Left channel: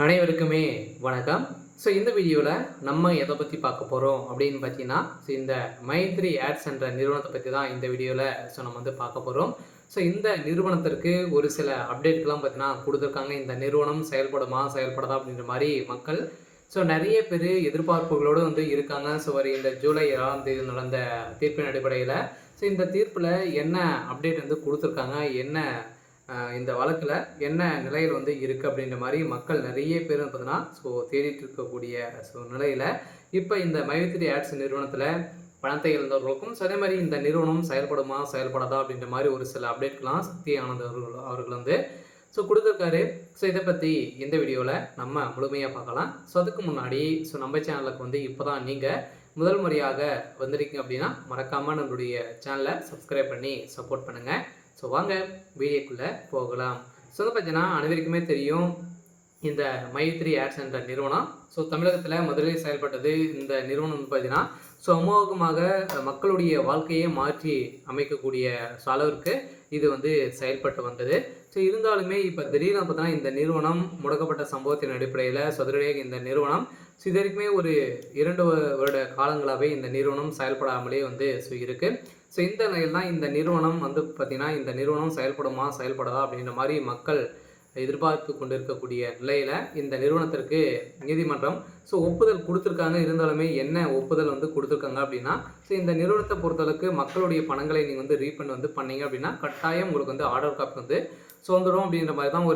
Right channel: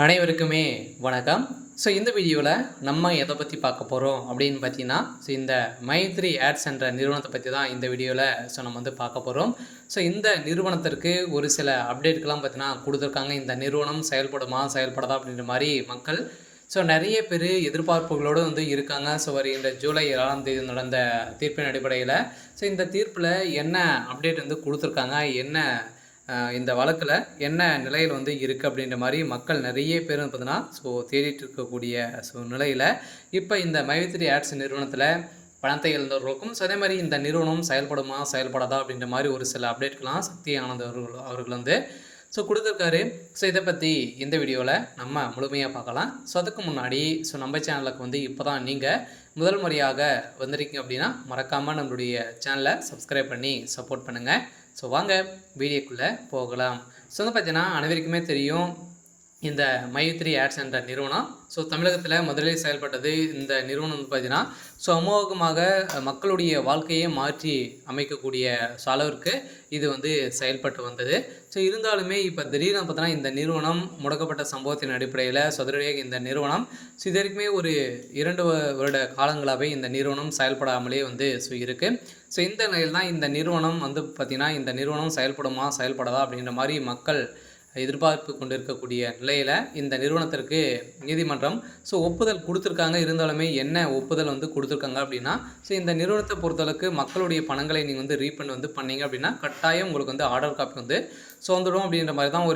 அனைவருக்குமே வணக்கம். இந்த வீடியோவில் நம்ம எதை பற்றி பார்க்க போகிறோம் அப்படின்னு பார்த்தீங்கன்னா, இந்த மைத்ரி ஆட்ஸ் என்ற நிறுவனத்தை பற்றி தான் இந்த வீடியோவில் நம்ம வந்து பார்க்க போகிறோம். இந்த நிறுவனத்திற்கு ஒரு சில அப்டேட்கள்லாம் பார்த்தீங்கன்னா கொடுத்துருக்காங்க. இந்த நிறுவனம் செயல்படுமா செயல்படாதா அப்படின்ற மாதிரி மக்கள் நிறைய பேர் எதிர்பார்ப்புகளோடு வந்து இருக்காங்க. வருகின்ற ஜூலை 7ஆம் தேதி நடந்த தீர்ப்பின் அடிப்படையில் இந்த தீர்ப்பில் என்ன அப்டேட் வந்து கொடுத்துருக்காங்க, என்ன இந்த வழக்கில் என்ன நிலையில் வந்து இருக்குது அப்படின்ற மாதிரி மக்கள் நிறைய பேர் பார்த்தீங்கன்னா தேடிட்டு இருக்கக்கூடிய நிலையில் இப்போ இந்த மைத்ரி ஆட்ஸ் நிறுவனத்தில் பணத்தை இழந்தவர்களுக்கும் அதே மாதிரி இந்த நிறுவனம் செயல்படுமா செயல்படாதா அப்படின்ற மாதிரி ஒரு சில அப்டேட்கள்லாம் சக்தி ஆனந்த் அவர்கள் வந்து கொடுத்துருக்காரு. இதை பற்றி இந்த வீடியோவில் நம்ம முழுமையாக பார்க்கலாம். அதுக்கு முன்னாடி நம்ம சேனலுக்கு வந்து இப்போ தான் நீங்கள் முதல் முறையாக வந்திருக்கீங்க அப்படின்னா மறக்காமல் நம்மளுடைய சேனலை சப்ஸ்கிரைப் பண்ணி சப்போர்ட் பண்ணுங்கள். வாங்க வீடியோக்குள்ளே போகலாம். வந்து பார்த்தீங்கன்னா அனைவருக்குமே தெரியும், இந்த மைத்ரி ஆட்ஸ் என்ற நிறுவனம் தமிழகத்தில் முதலில் செயல்பட்டது. இந்த நிறுவனம் வந்து பார்த்தீங்கன்னா அமோகமாக மக்களுடைய வாழ்க்கையை மாற்றி அமைக்கக்கூடிய அளவிற்கு இது வந்து செயல்பட்டு வந்தது. இருந்தாலுமே இப்போ திடீர்னு பார்த்தோன்னா இந்த நிறுவனம் முடக்கப்பட்ட சம்பவத்தின் அடிப்படையில் சதுரடியாக இந்த நிறுவனம் இது வரைக்குமே ஒரு 2 வருட காலங்களாகவே இந்த நிறுவனம் செயல்படாமலே வந்து இருக்குது. இந்த நிலையில் தான் இந்த நிறுவனம் வந்து பார்த்திங்கன்னா இந்த நிறுவனம் செயல்படுமா செயல்படாதா அப்படின்ற மாதிரி மக்கள் எதிர்பார்ப்பு கொண்டிருக்கக்கூடிய நிலையில் இந்த நிறுவனத்திற்கு நீதிமன்றம் ஒப்புதல் கொடுத்துருக்காங்க. இருந்தாலுமே என்ன ஒப்புதல் வந்து கொடுத்துருக்காங்க அப்படின்னா, இந்த நிறுவனத்தை பொறுத்தளவுக்கு மக்களுடைய பணங்களை நீங்கள் வந்து ரீஃபண்ட் வந்து பண்ணீங்க அப்படின்னா கட்டாயம் உங்களுக்கு வந்து ஆர்டர் காப்பி வந்து வந்துடும் அப்படின்ற மாதிரி தான்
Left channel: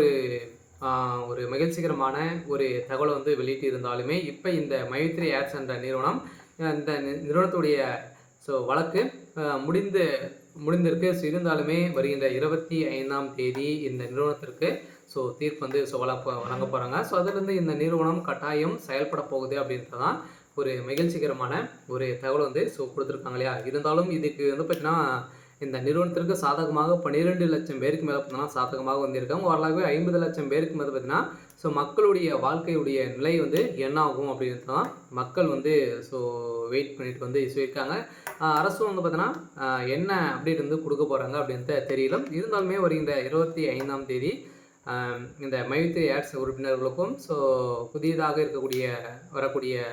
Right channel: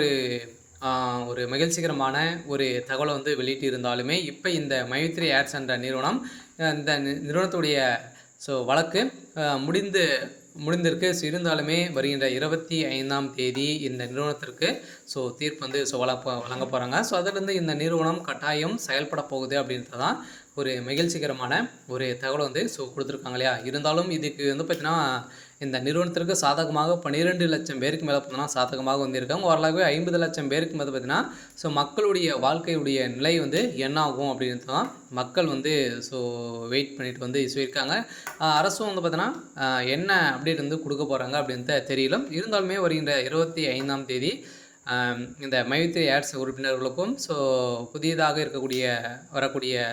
ஒரு மகிழ்ச்சிகரமான ஒரு தகவலை வந்து வெளியிட்டு இருந்தாலுமே இப்போ இந்த மைத்ரி ஆட்ஸ் என்ற நிறுவனம் இந்த நிறுவனத்துடைய வழக்கு முடிந்திருக்கு. இருந்தாலுமே வருகின்ற 25ஆம் தேதி இந்த நிறுவனத்திற்கு தீர்ப்பு வந்து வழங்க போகிறாங்க. அதிலிருந்து இந்த நிறுவனம் கட்டாயம் செயல்பட போகுது அப்படின்றது தான் ஒரு மகிழ்ச்சிகரமான ஒரு தகவல் வந்து கொடுத்துருக்காங்க இல்லையா. இருந்தாலும் இதுக்கு வந்து பார்த்திங்கன்னா இந்த நிறுவனத்திற்கு சாதகமாக 12 லட்சம் பேருக்கு மேலே பார்த்தீங்கன்னா சாதகமாக வந்து இருக்காங்க. ஓரளவு 50 லட்சம் பேருக்கு மேலே பார்த்திங்கன்னா மக்களுடைய வாழ்க்கையுடைய நிலை வந்து என்ன ஆகும் அப்படின்றது தான் மக்கள் வந்து வெயிட் பண்ணிட்டு வந்து சொல்லியிருக்காங்க. அரசும் வந்து பார்த்தீங்கன்னா என்ன அப்டேட் வந்து கொடுக்க போகிறாங்க அப்படின்றது தெரியல. இருந்தாலுமே வருகின்ற 25ஆம் தேதி இந்த மைத்ரி ஆட்ஸ் உறுப்பினர்களுக்கும் புதியதாக வரக்கூடிய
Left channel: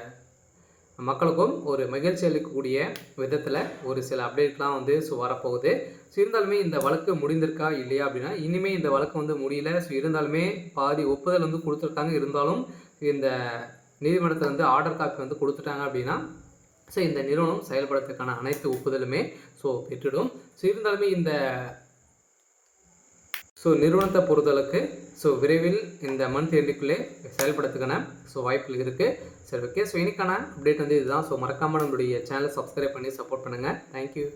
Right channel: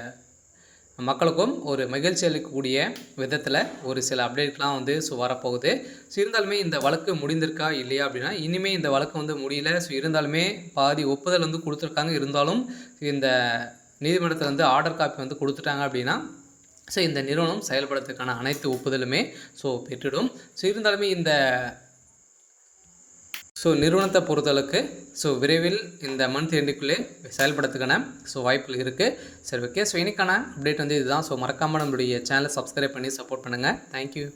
மக்களுக்கும் ஒரு மகிழ்ச்சி அளிக்கக்கூடிய விதத்தில் ஒரு சில அப்டேட்லாம் வந்து வரப்போகுது. இருந்தாலுமே இந்த வழக்கு முடிந்திருக்கா இல்லையா அப்படின்னா, இனிமேல் இந்த வழக்கு வந்து முடியல. இருந்தாலுமே பாதி ஒப்புதல் வந்து கொடுத்துருக்காங்க. இருந்தாலும் இந்த நீதிமன்றத்தில் வந்து ஆர்டர் காப்பி வந்து கொடுத்துட்டாங்க அப்படின்னா இந்த நிறுவனம் செயல்படுறதுக்கான அனைத்து ஒப்புதலுமே பெற்றுடும். இருந்தாலுமே இந்த நிறுவனத்தை பொறுத்தளவுக்கு விரைவில் இந்த மந்த் எண்டுக்குள்ளே செயல்படுறதுக்கான வாய்ப்புகள் இருக்குது. ஓகே. இன்னைக்கான அப்டேட் வந்து இதுதான். மறக்காமல் நம்மளுடைய சேனலை சப்ஸ்கிரைப் பண்ணி சப்போர்ட் பண்ணுங்கள். தேங்க்யூ.